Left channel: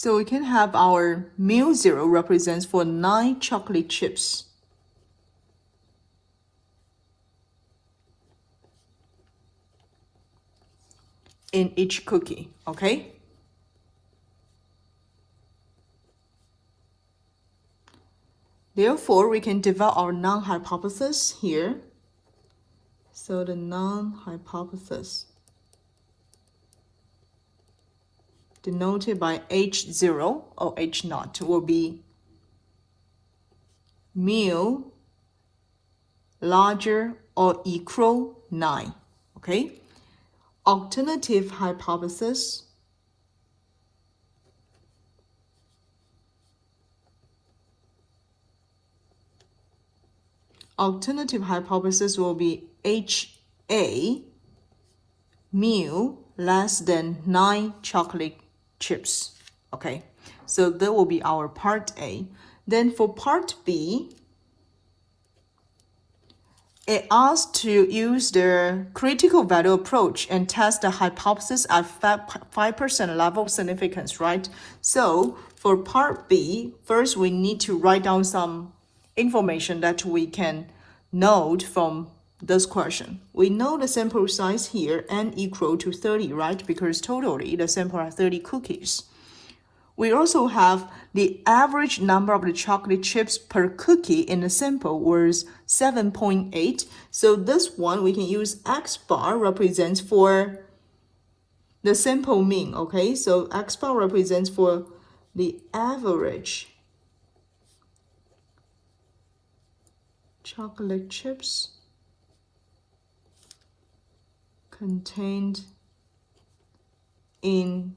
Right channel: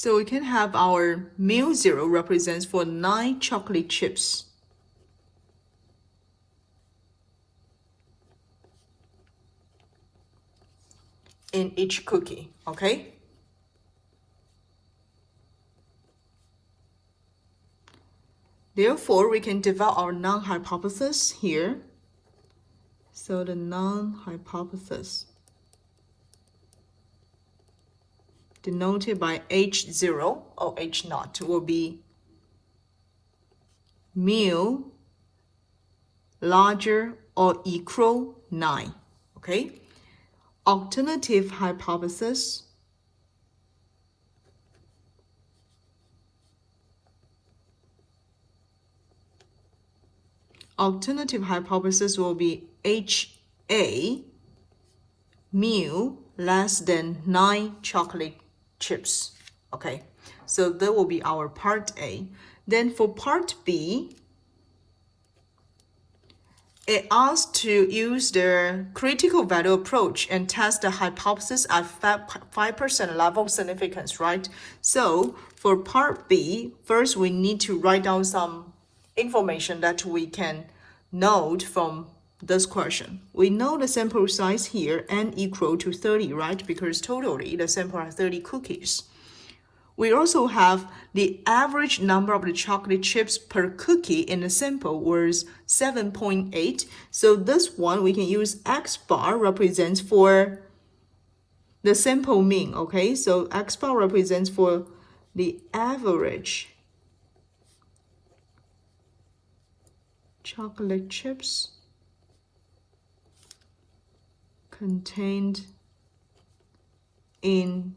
So we can have our mu0 represents for 9 chocolate chips. In each cookie, okay? Therefore, we can develop our non-hypothesis here. So the non-hypothesis denoted by H0 or H0 will be mu larger or equal 9, okay? Alternative hypothesis will be HA mu less than 9 chocolate chips, okay? So that will be our part A. Then for part B, it asks to use the critical value approach and test the hypothesis at 5% level of significance, right? So for part B, first we need to write down some information that we can note from this question. We know the sample size here, n equal to 30, right? Because totally the sample are 30 cookies. We also have the average number of the chocolate chips per cookie in the sample was 7.8. So this one we can use X bar represents for the sample mean, okay? So X bar represents for the average chocolate chips contained in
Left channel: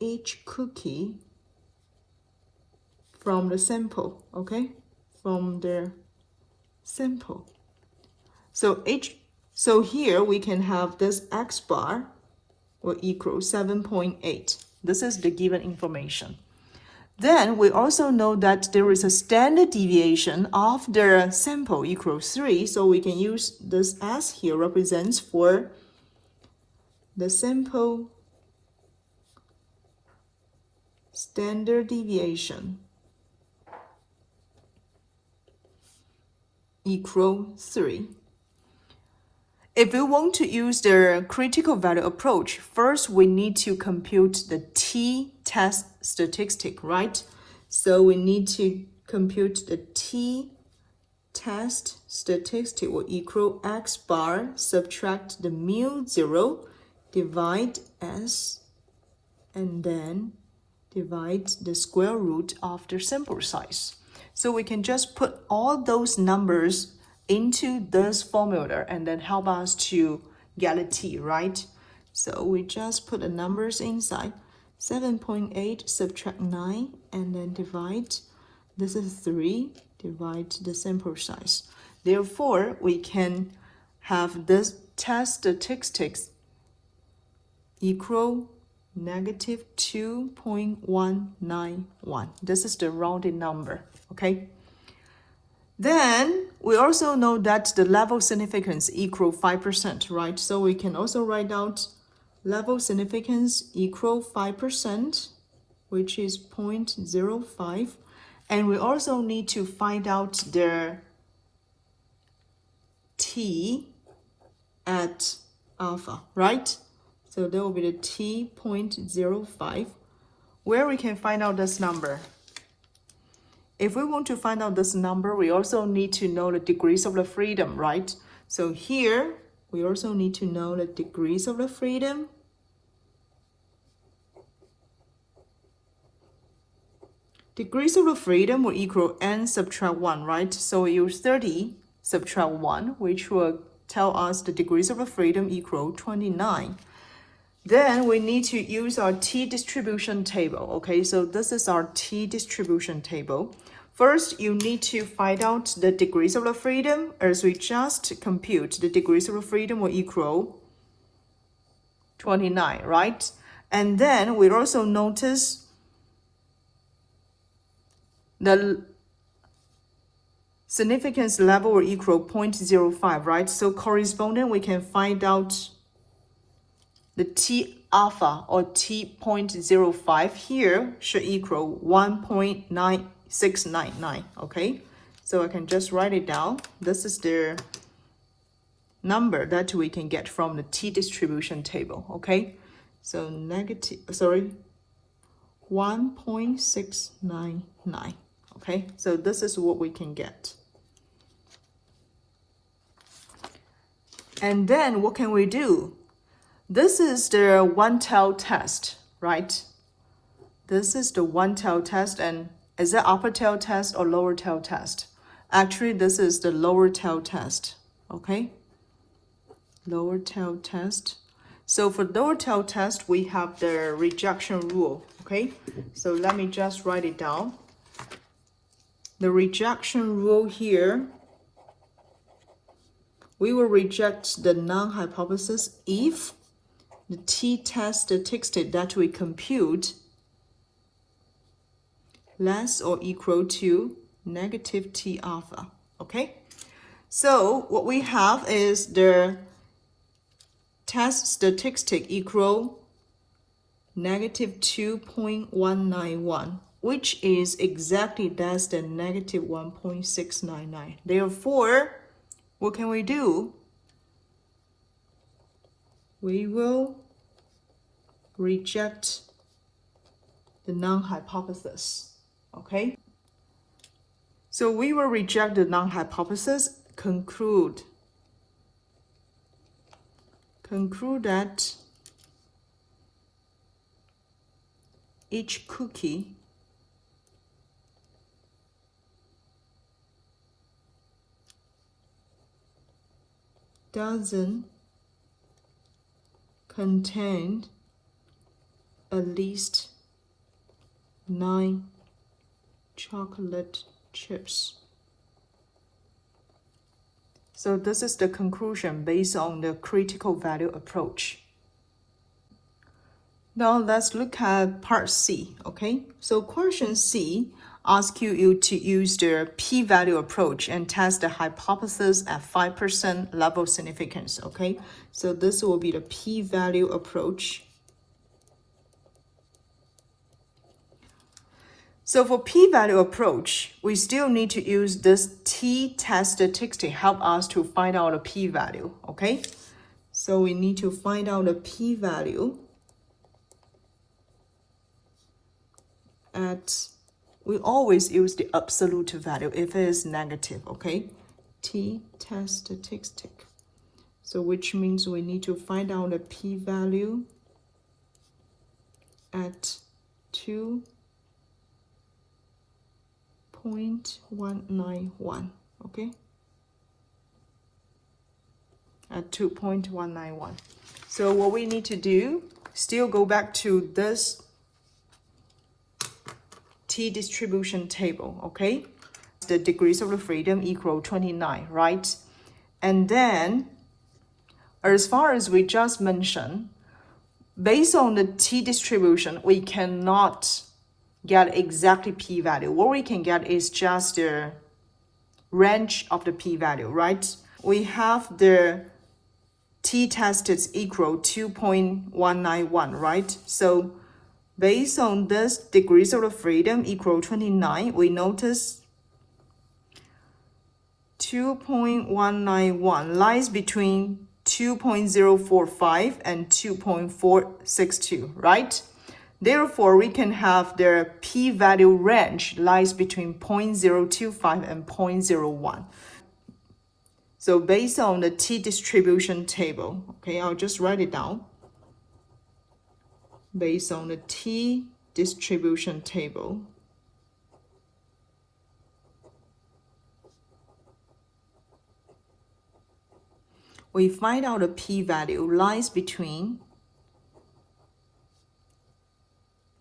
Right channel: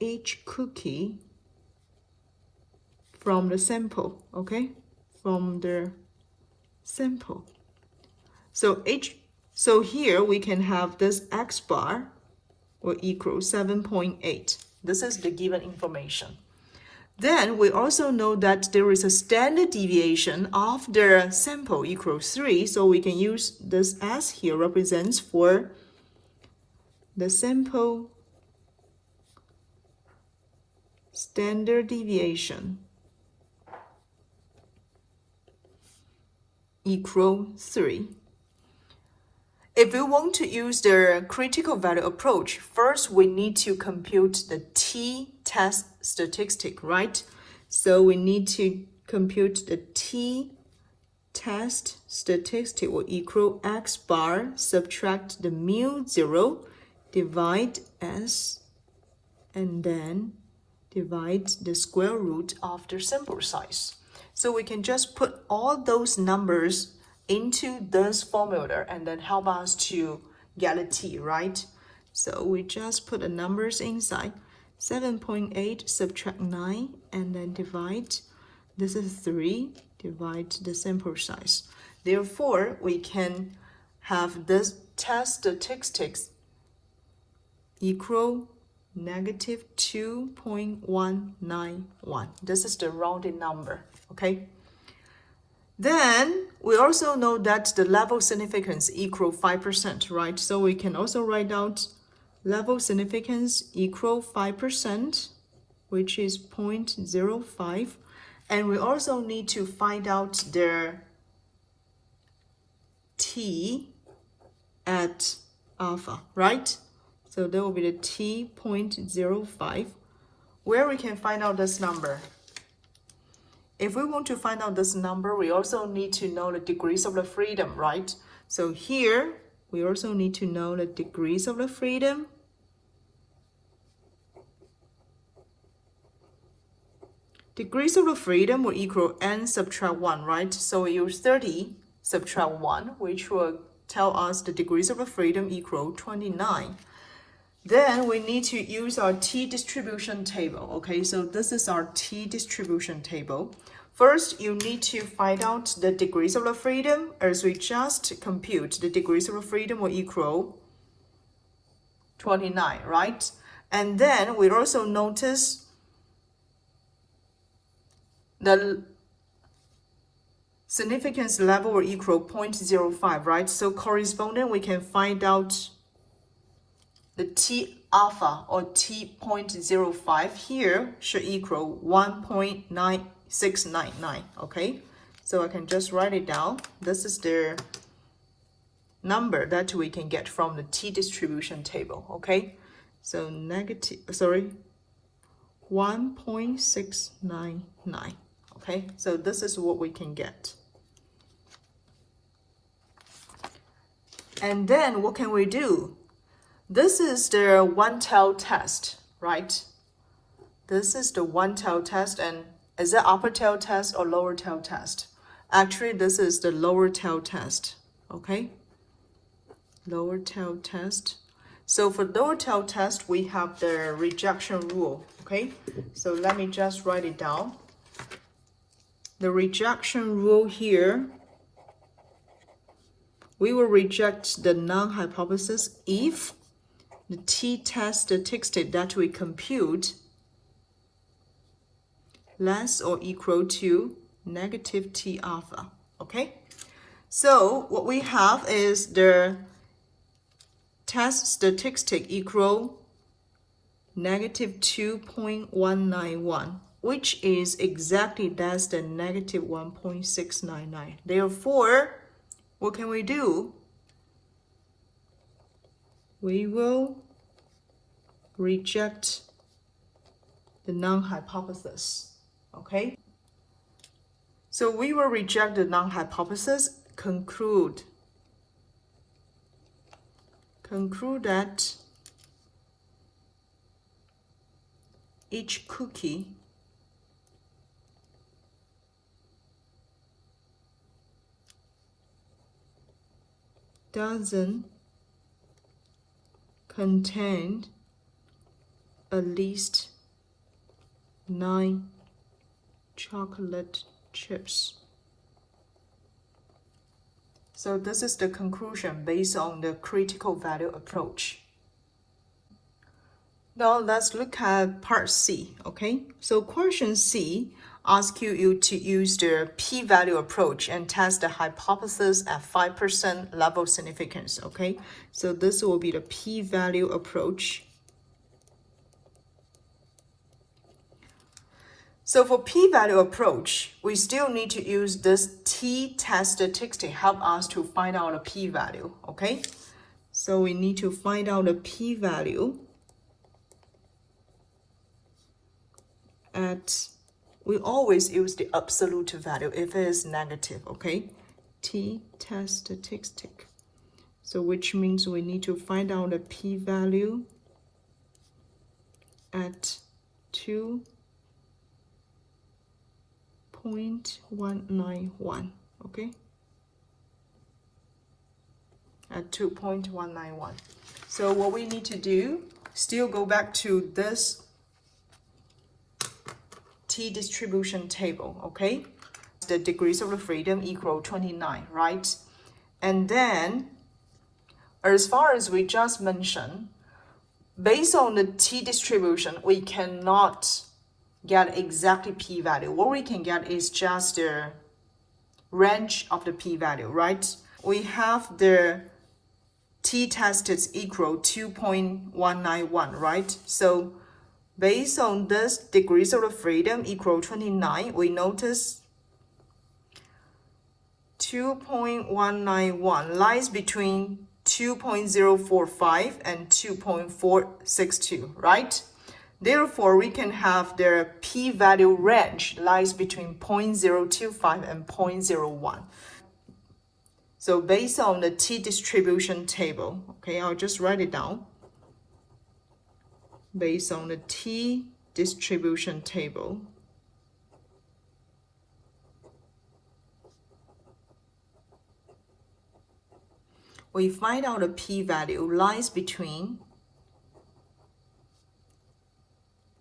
each cookie from the sample, okay? From the sample. So here we can have this X bar will equal 7.8. This is the given information. Then we also know that there is a standard deviation of the sample equals 3. So we can use this S here represents for the sample standard deviation equal 3. If we want to use the critical value approach, first we need to compute the t-test statistic, right? So we need to compute the t-test statistic will equal X bar, subtract the mu0, divide S, and then divide the square root of the sample size. So we can just put all those numbers into this formula and then help us to get a t, right? So we just put the numbers inside. 7.8 subtract 9 and then divide. This is 3, divide the sample size. Therefore, we can have this test statistics equal negative 2.191. This is the rounded number, okay? Then we also know that the level significance equal 5%, right? So we can also write out level significance equal 5%, which is 0.05. And we also need to find out the t at alpha, right? So that will be the t 0.05, where we can find out this number. If we want to find out this number, we also need to know the degrees of the freedom, right? So here, we also need to know the degrees of the freedom. Degrees of the freedom will equal n subtract 1, right? So we use 30 subtract 1, which will tell us the degrees of the freedom equal 29. Then we need to use our t-distribution table, okay? So this is our t-distribution table. First, you need to find out the degrees of the freedom, as we just compute the degrees of the freedom will equal 29, right? And then we also notice the significance level will equal 0.05, right? So corresponding, we can find out the t alpha or T.05 here should equal 1.9699, okay? So I can just write it down. This is the number that we can get from the t-distribution table, okay? So 1.699, okay? So this is what we can get. And then what can we do? This is the one-tailed test, right? This is the one-tailed test, and is it upper tail test or lower tail test? Actually, this is the lower tail test, okay? Lower tail test. So for lower tail test, we have the rejection rule, okay? So let me just write it down. The rejection rule here, we will reject the null hypothesis if the t-test statistic that we compute less or equal to negative t alpha, okay? So what we have is the test statistic equal negative 2.191, which is exactly less than negative 1.699. Therefore, what can we do? We will reject the null hypothesis, okay? So we will reject the null hypothesis, conclude that each cookie doesn't contain at least 9 chocolate chips. So this is the conclusion based on the critical value approach. Now let's look at part C, okay? So question C asks you to use the p-value approach and test the hypothesis at 5% level significance, okay? So this will be the p-value approach. So for p-value approach, we still need to use this t-test statistic to help us to find out the p-value, okay? So we need to find out the p-value at, we always use the absolute value if it is negative, okay? T-test statistic. So which means we need to find out the p-value at 2.191, okay? At 2.191. So what we need to do, still go back to this t-distribution table, okay? The degrees of freedom equal 29, right? And then, as far as we just mentioned, based on the t-distribution, we cannot get exactly p-value. What we can get is just the range of the p-value, right? We have the t-test is equal 2.191, right? So based on this degrees of freedom equal 29, we notice 2.191 lies between 2.045 and 2.462, right? Therefore, we can have the p-value range lies between 0.025 and 0.01. So based on the t-distribution table, okay, I'll just write it down. Based on the t-distribution table, we find out the p-value lies between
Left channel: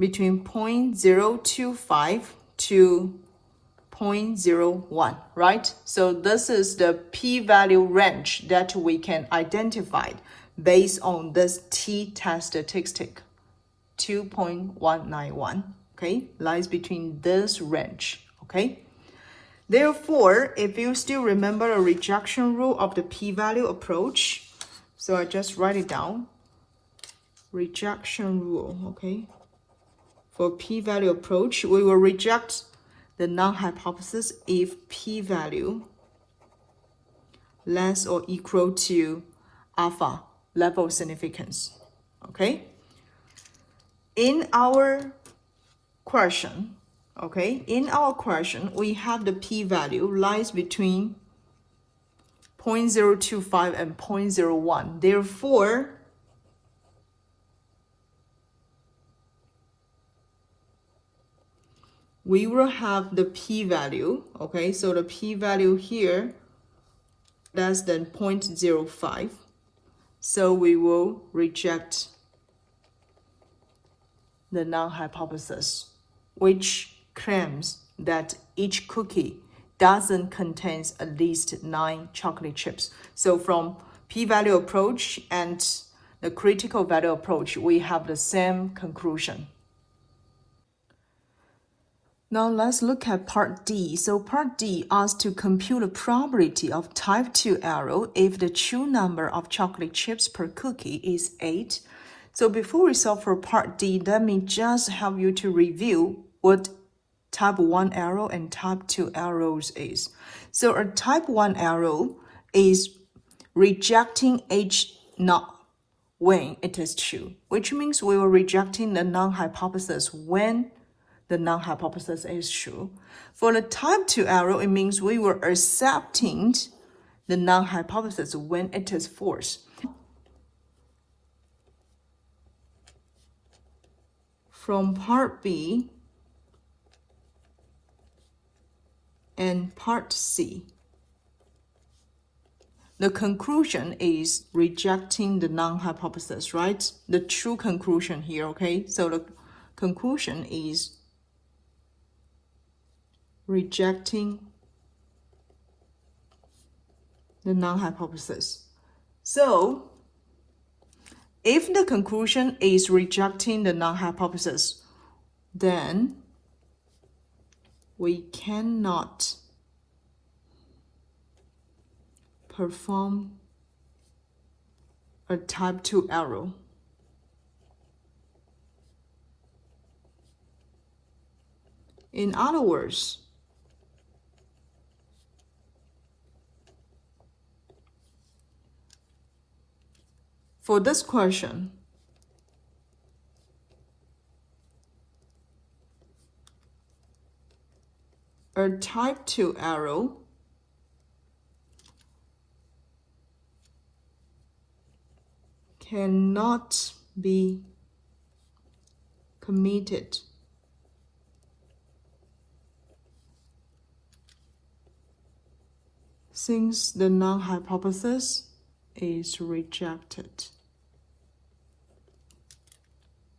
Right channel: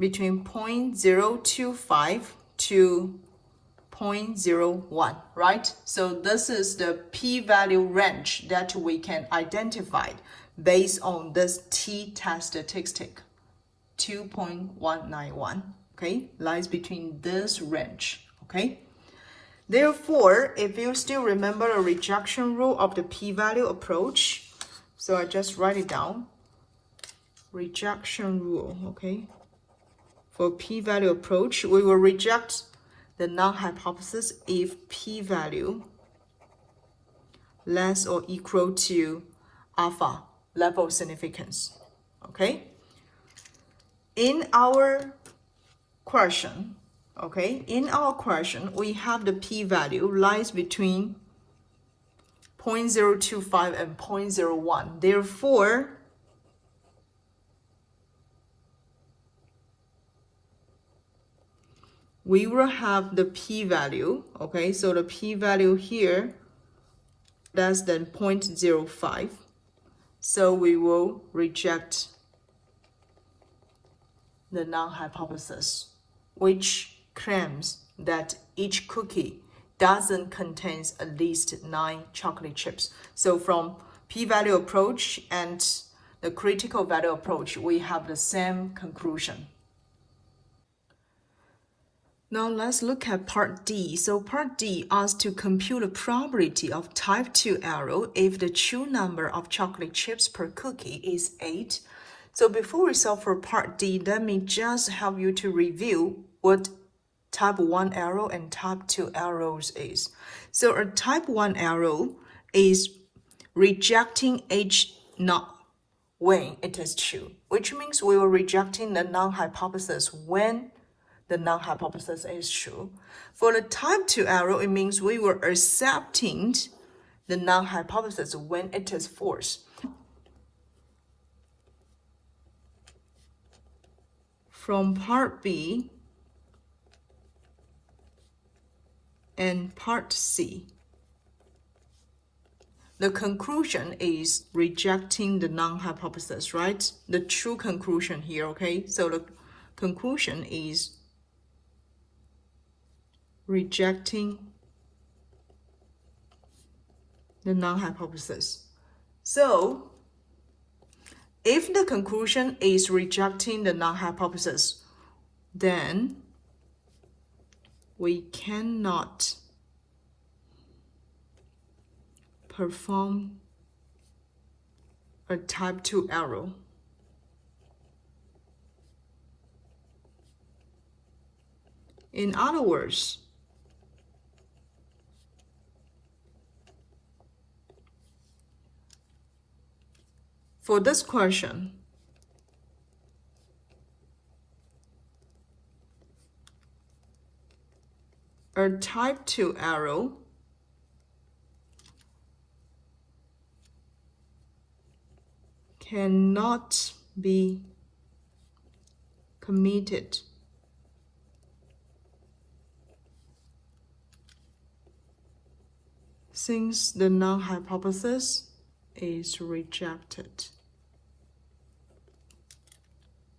0.025 to 0.01, right? So this is the p-value range that we can identify based on this t-test statistic, 2.191, okay? Lies between this range, okay? Therefore, if you still remember a rejection rule of the p-value approach, so I just write it down. rejection rule, okay? For p-value approach, we will reject the null hypothesis if p-value less or equal to alpha level of significance, okay? In our question, we have the p-value lies between 0.025 and 0.01. Therefore, we will have the p-value, okay? So the p-value here less than 0.05. So we will reject the null hypothesis, which claims that each cookie doesn't contain at least 9 chocolate chips. So from p-value approach and the critical value approach, we have the same conclusion. Now let's look at part D. So part D asks to compute the probability of type 2 error if the true number of chocolate chips per cookie is 8. So before we solve for part D, let me just help you to review what type 1 error and type 2 errors is. So a type 1 error is rejecting H not when it is true, which means we were rejecting the null hypothesis when the null hypothesis is true. For the type 2 error, it means we were accepting the null hypothesis when it is false. From part B and part C, the conclusion is rejecting the null hypothesis, right? The true conclusion here, okay? So the conclusion is rejecting the null hypothesis. So if the conclusion is rejecting the null hypothesis, then we cannot perform a type 2 error. In other words, for this question, a type 2 error cannot be committed since the null hypothesis is rejected.